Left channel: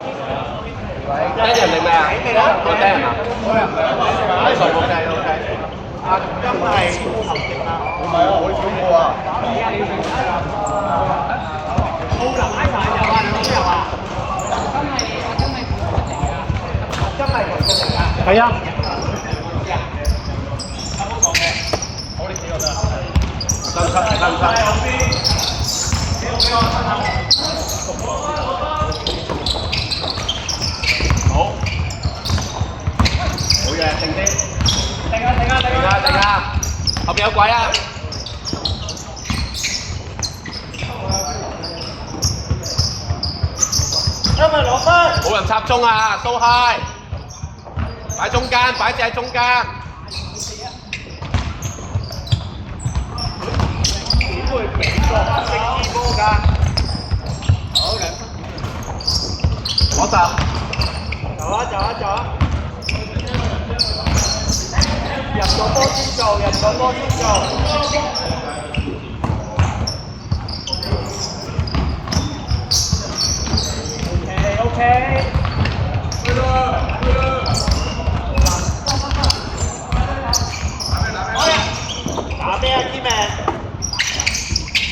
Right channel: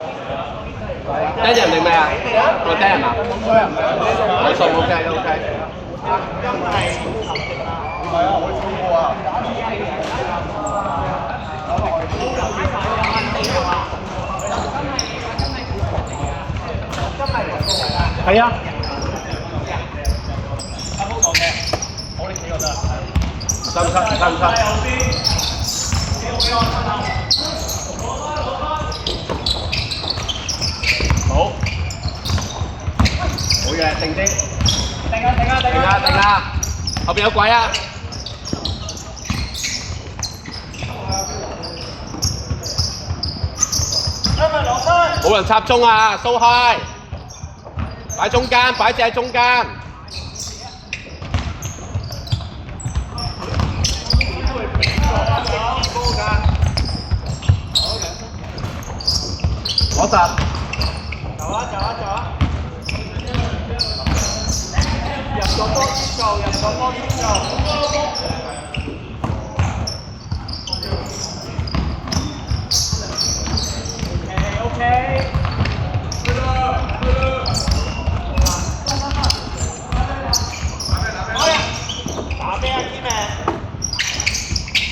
低人定咩啊？我低人啊。冇人，OK。唔係啊，我睇過啊。係啊。我哋企覺得好，好嘅，定機。定啦！後邊有鬼啊！冇人插中啊 ！So high， 擺中間，擺隻喺中間。攞實。走啊！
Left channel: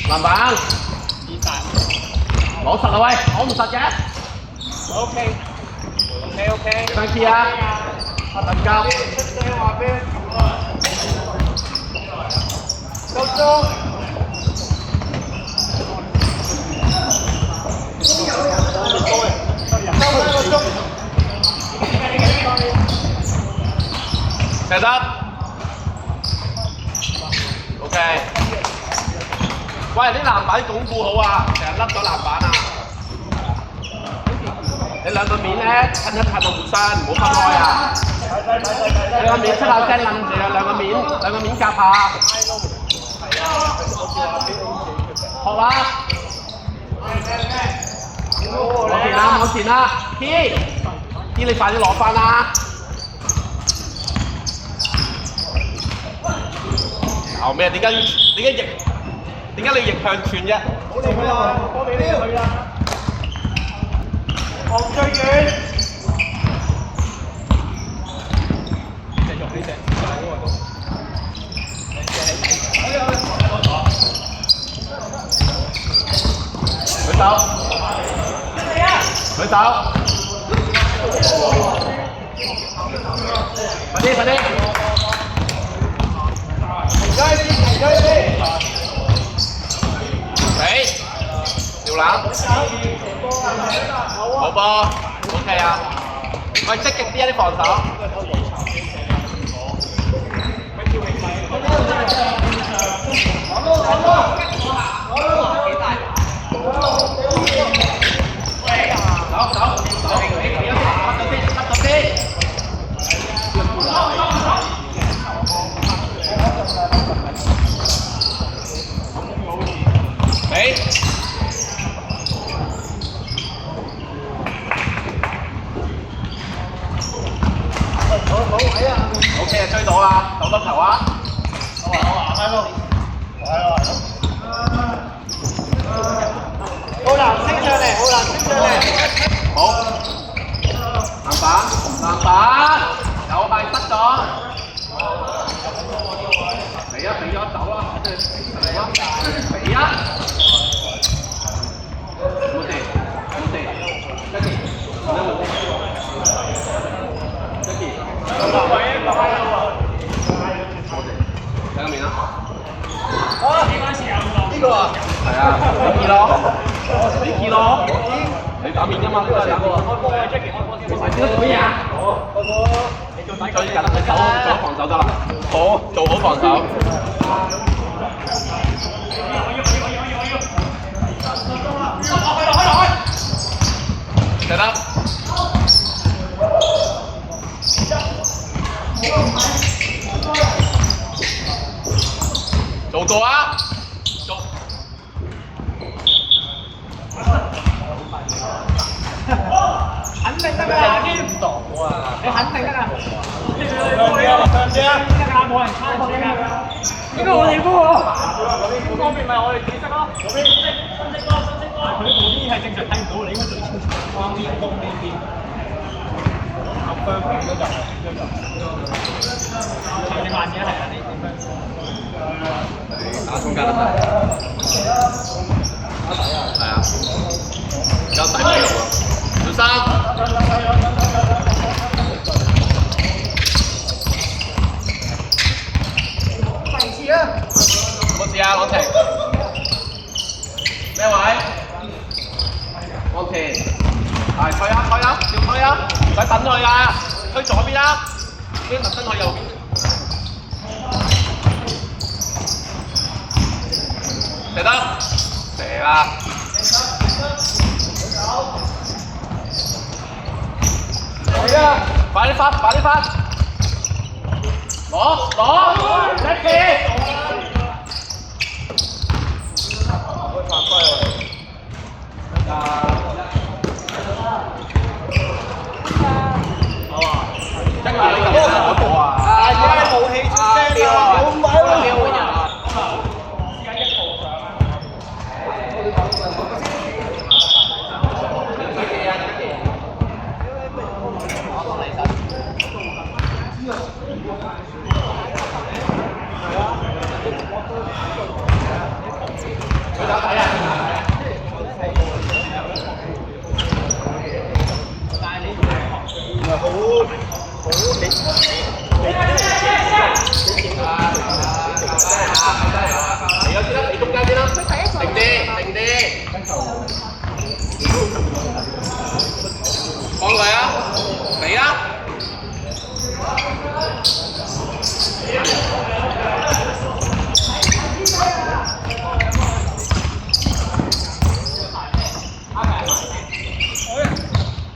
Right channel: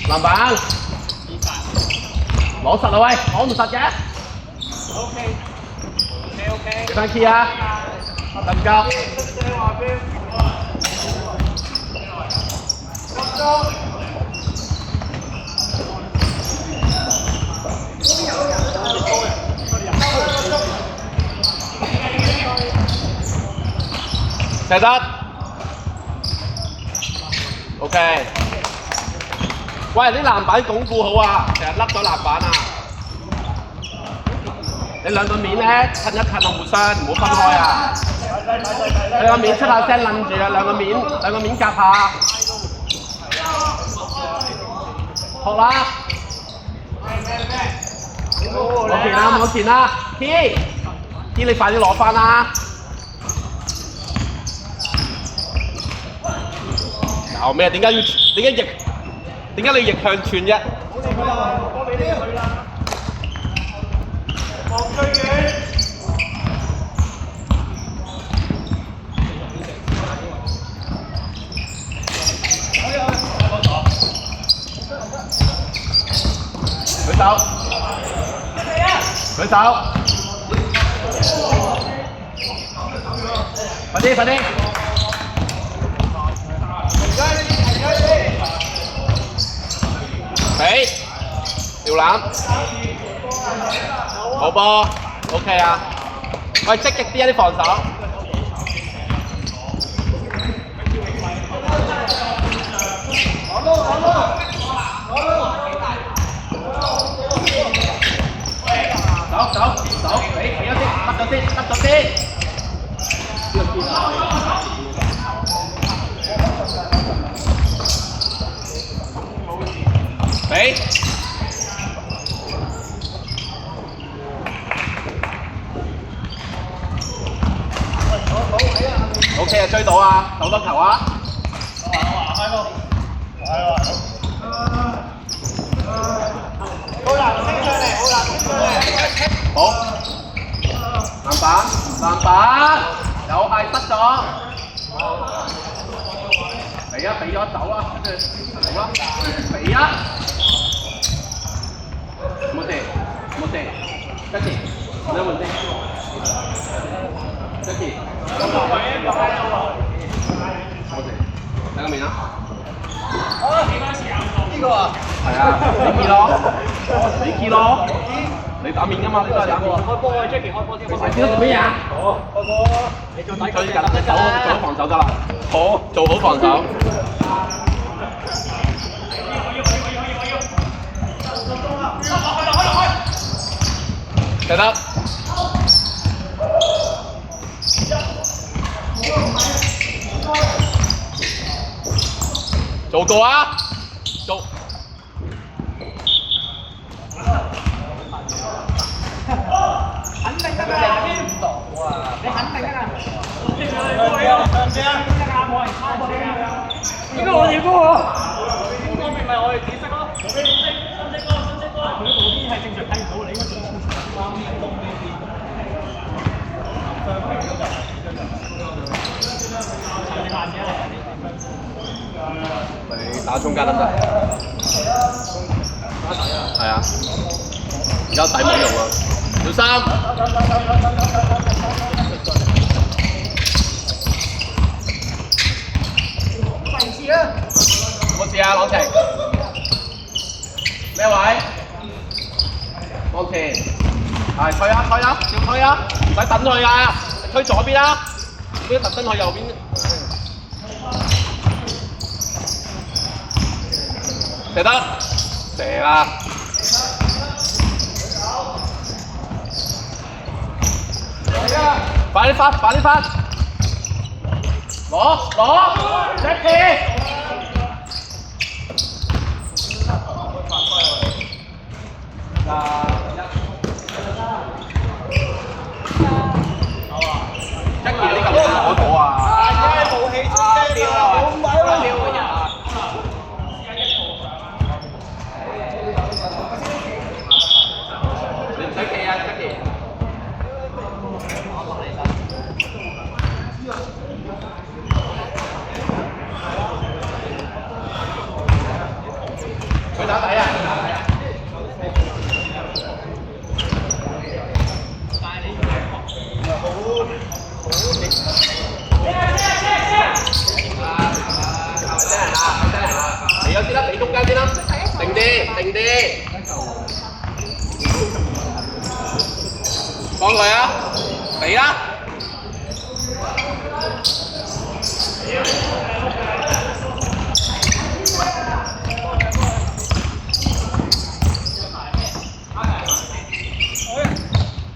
籃板，攞實啦喂，攞唔實嘅。OK。快啲啊！林格。射得。OK。喂，啲籃板鞏固好啊，成日甩咗籃板啊！你兩個面咧，近一近啊，互相唔好分開啊！兩個面出下聲冧住啊，兩個面夾下。學啦！往前啦 ！K， 你快啲攞翻啦！哦咩？點解你逆向串啫？舉手！快啲！吊籃，好波 ，OK 啊！喂，積極啲啊啲防守。OK， 追到啊，攞多球啊！好，籃板，又係失咗。俾咗走啦，俾啊！冇事，跟住，睇個面啊！呢個啊，係啊，你咯，你打面㗎嘛？呢個成個。做咩啊？你做好防守得啦。好，做好防守。得啦。做過啊！做。肯定得㗎，唔到啊！你肯定得㗎。冇人抄我呢個我哋嗰個。呢方面咪我哋紫色咯，分析咯。佢啲係正常睇唔到，你應該最清楚。打中間得唔得？係啊，而家底尾嚟喎，小三。冇事啊，朗晴。咩位？朗晴。係推啊推啊，照推啊，唔使等佢啊，推左邊啦，邊特登去右邊。射得，射啊！快啲發，快啲發！攞，一氣！放佢啊！嚟啊！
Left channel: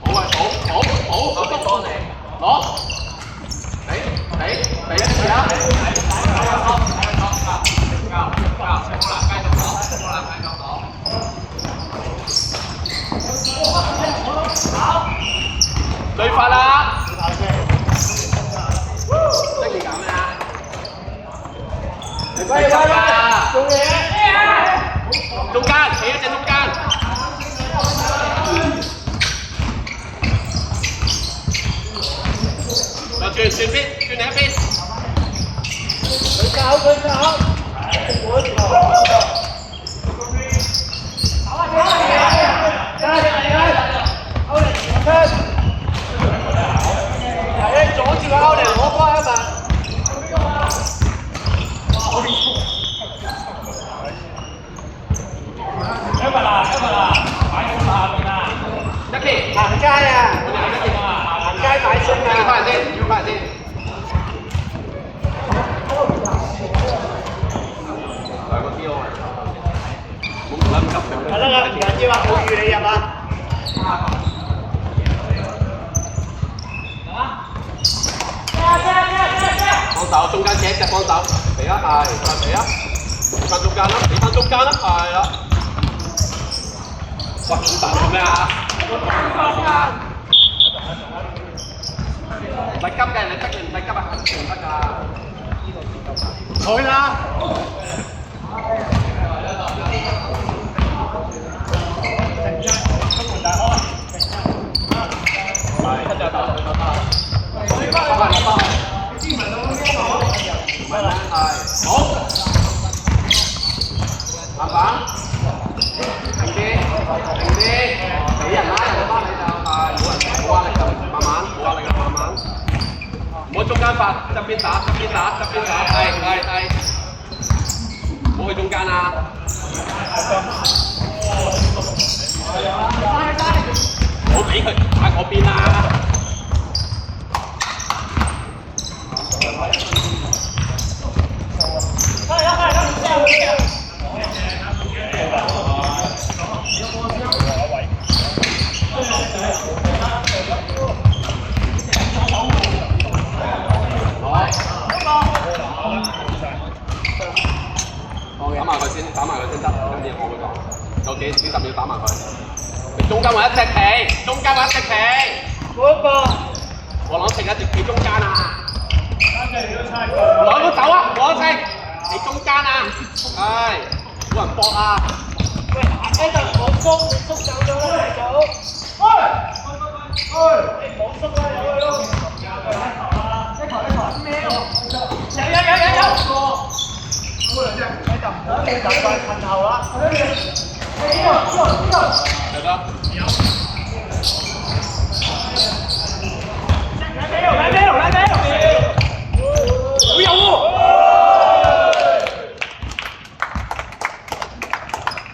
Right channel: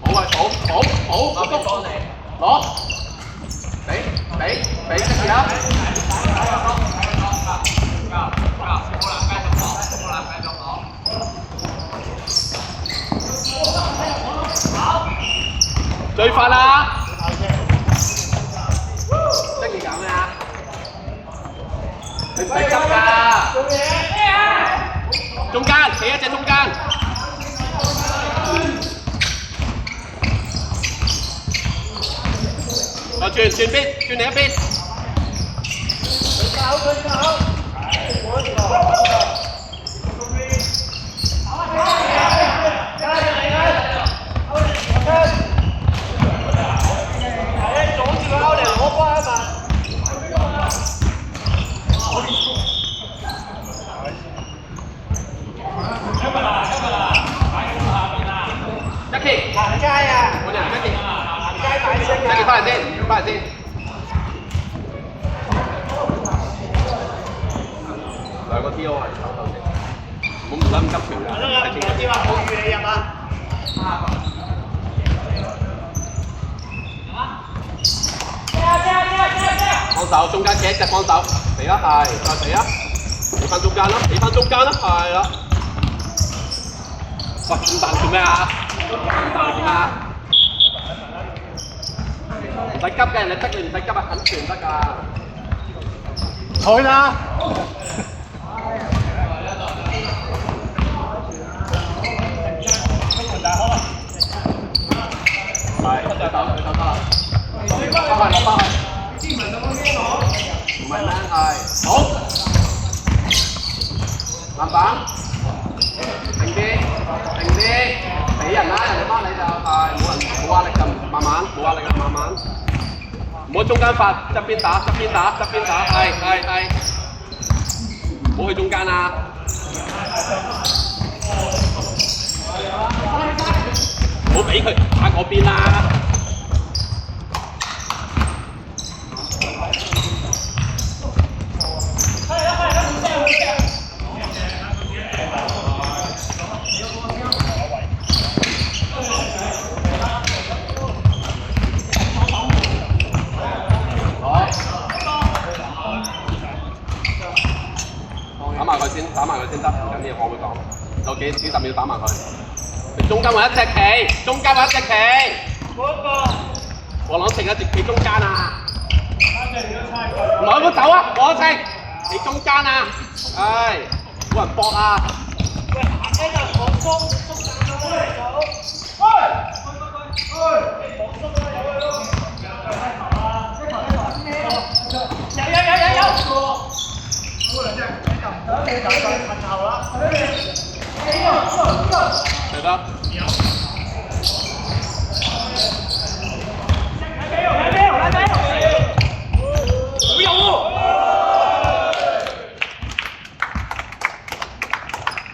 好啊，好，我幫你攞，俾一次啊！好啦，繼續攞。好，最快啦！中間，企一隻中間。我轉邊，轉另一邊。佢走。幫手，中間企一隻幫手，嚟啊，係，嚟啊，俾翻中間啦，俾翻中間啦，係啦。喂，咁大做咩啊？唔使急嘅，你逼你唔使急啊，咁全得㗎。佢啦。唔好中間發，側邊打，係，唔好去中間啊！唔好俾佢打嗰邊啦！打埋佢先得，咁嘢我會講，有幾十秒打埋佢。你中間揾一隻棋，中間揾一隻棋。嗰個，我朗晴一直企中間啊！兩個走啊，朗晴，你中間啊！唉，冇人搏啊！喂，呢個我中走咗啦，走。得。